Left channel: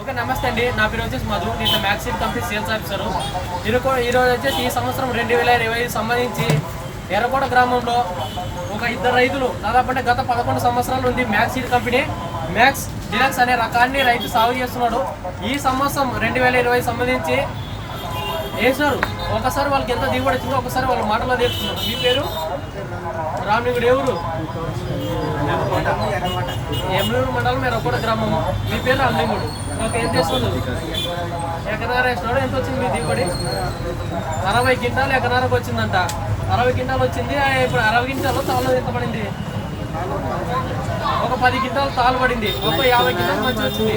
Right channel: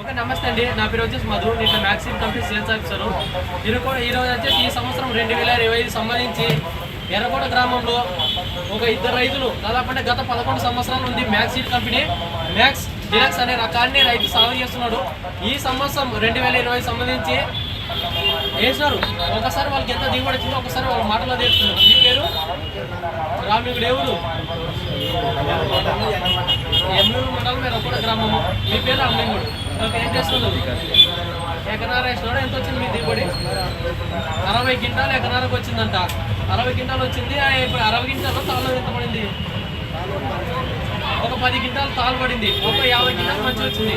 Okay, నమస్తే అండి. నా పేరు వచ్చేసి మధు. నేను మ్యాక్సిమ్ కంపెనీ సేల్స్ ఆఫీసరు. ఈరోజు వచ్చేసి ఈ సంవత్సరం 2025 సంబంధించి ఎర్రకోట గ్రామంలో ఒక ఇద్దరు రైతులు దాదాపు అంటే గత 11 సంవత్సరాల ఉంది మ్యాక్సీడ్ కంపెనీ మ్యాక్స్ డిలక్స్ అనే రకాన్ని రైతు సాగు చేస్తున్నాడు. ఈ సంవత్సరం 2020 సంబంధించి వేసినారు. ఒకసారి వాళ్ళకి ఎంత దిగుబడి వచ్చిందో ఒకసారి వాళ్ళ మాటలో తెలుస్తున్నారు. మీ పేరు రామిగుడు, ఎవరు? ఎమ్లూరు మండలం ఎర్రకోట గ్రామము. మీ పేరు రామిగుడు. ఓకే, ఏం చేస్తున్నారు? ఎకరార వేసినాడు. ఎంత వచ్చింది మీ దిగుబడి? 60 క్వింటాలు ఎకరారకు వచ్చిందంట. 60 క్వింటాలు వచ్చింది. ఇప్పుడు 60 క్వింటాలు తాళ్ళు ఎంత పడింది? ఒక 10 క్వింటాలు తాళ్ళు పడింది. ఒక 50 క్వింటాలు మంచి వచ్చింది.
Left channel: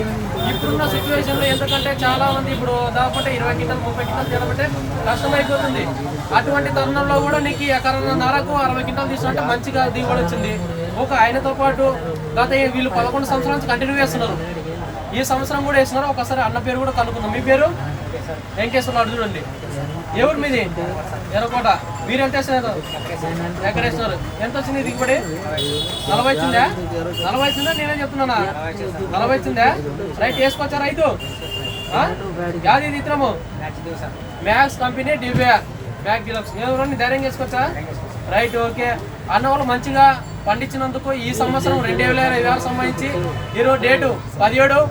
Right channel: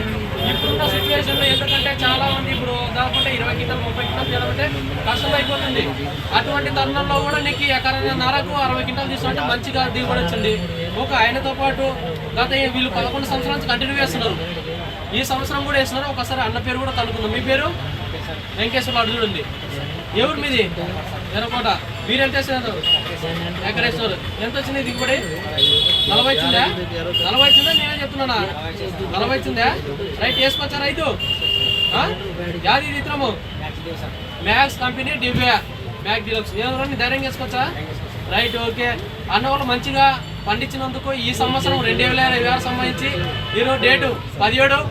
ఇప్పుడున్న సిచ్యువేషన్లో ఎందుకంటే చాలా మంది ఇప్పుడు దాదాపు 20 క్వింటాలు 30 క్వింటాలు తీయాలంటే కష్టమైపోతుంది. అటువంటి తరుణంలో కూడా నీకు ఎకరన్నరకు 60 క్వింటాలు తీసుకుంటే మంచిగా దిగుబడి వచ్చింది. ఒక ఆయనతో పాటు గత వీళ్ళు 11 సంవత్సరాల నుంచి కంటిన్యూ చేస్తున్నారు. ఈ సంవత్సరం కూడా వేస్తున్నారు. ఒకసారి అన్న పేరు కూడా కనుక్కుందాం. మీ పేరు? వెంకటేశ్వర. చూడండి, ఎవరు మీది? ఎర్రకోట. మీరు ఎంత వేస్తున్నారు? ఎక్కడ వేస్తున్నారు? ఎంత వచ్చింది దిగుబడి? 40 వచ్చిందా? 40 వచ్చిందా? నేనే చెప్తున్నానా? 40 వచ్చిందా? రైట్, వేసుకొచ్చా రైతు? యాది ఇది ఇతరము మ్యాక్స్ కంపెనీ డిబియా బ్యాక్ డిలక్స్. ఎవరు ధైర్యం వేసుకోవచ్చా? Right, okay. అన్న వాళ్ళు మంచిగా పండించినందుకు ఈ సంవత్సరం 2026 సంబంధించి ఈరోజు డేటు 17